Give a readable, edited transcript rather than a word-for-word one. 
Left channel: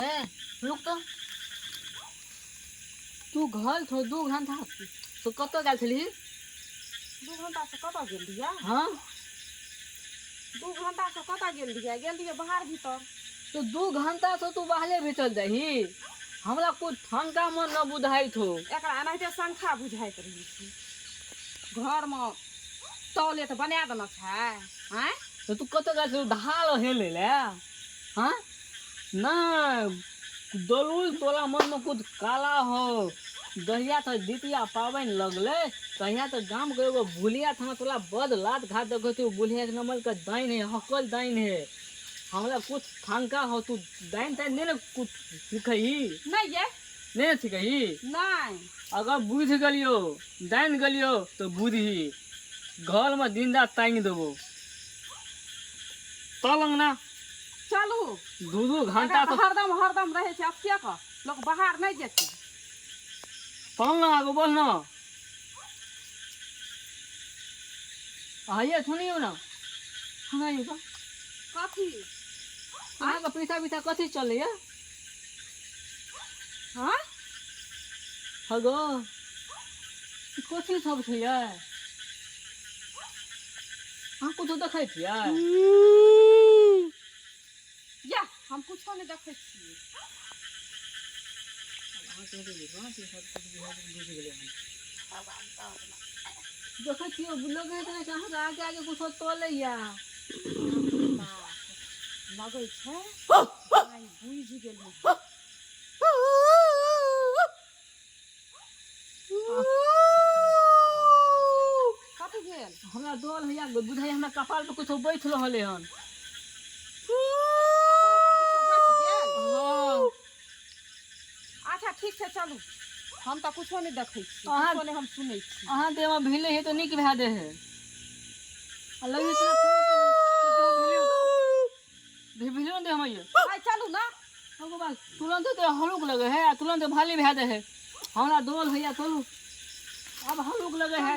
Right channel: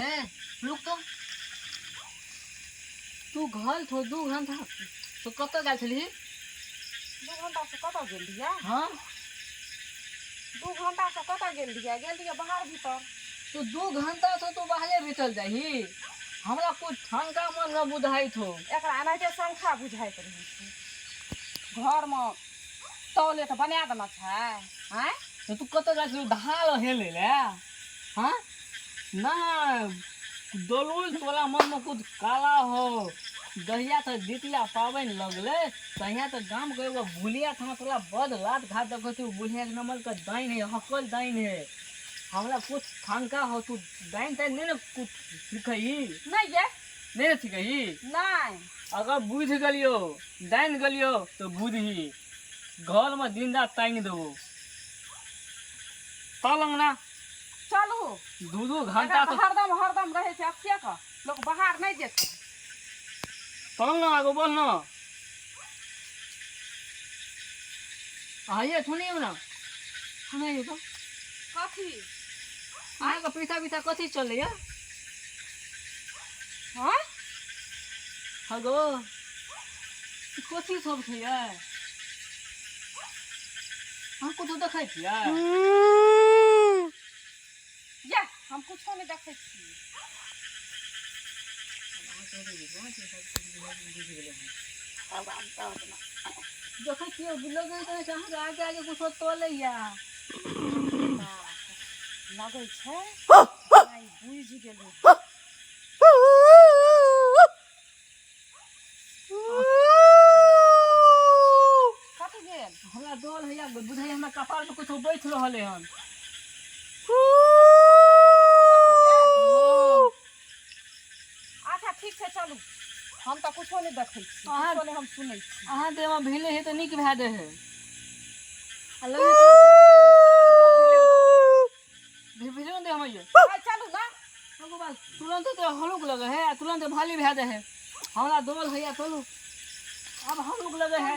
है रुक तू घर छो 2 घंटा तो कत गल छली 2 घंटा से कत गेल दिया हां 2 घंटा से कत गेल दिया बाहर भीतर तो 2 घंटा से तू बाहरे भीतर जाही हमरा कुछ ठंका मन न बुझाई थो एकरा एनाहिते संखा बुझाइत रही छी घर में टॉयलेट बना देना छै हैं तो तू कत गल छली ढाल हेले ले हां ना दलुल तोला मन में कुछ काला हो दहिया तो द्वितीया पावन लगले तहिया तो गांव के एगो भूलिया था तोला बद लात घात देखो तू भूलिया के नमल का दाइन है हकल दाइन है हमरा कुछ ठंका हो तू दाइन ताइन नहीं ना कुछ सिखई नहीं ये नहीं सिखई नहीं अगर बुझ गलियो दाइन गलियो तो बुझी घर में दिन रात तांग देबो तलंग ना चलू 2 घंटा तो हरदम रहे छै अथिया का लोग बाहर नहीं जेते तलंग ना आगो बोल ना आइए सुनियो ना सुनाइए तो कथी अहाँ का पीछा कथी चले है हैं हगो कथी सब छै हम कुछ देखै छियै या हम कुछो नहीं देखे छी देखै छियै लगे छै अहाँ आगे आगे कुछ तोले या लगे छै नहीं बुझ गेलै कथी भेल हमरा डोल हैया बुझाइ हमरा कपाल पे कुछ बैठ रहले हन अच्छा ठीक छै चलू हम तो कुछो नहीं देखे छी कुछो नहीं हम सुनै छी अहाँ दे में भिले है तो निक भै दे है अलग भिले दे हम ये चलू ना हमको बाल तुरंत तो हलुक लगे है तुरंत भाली भै दे है हमरा डोल हैया चलू अब हलुक लगे है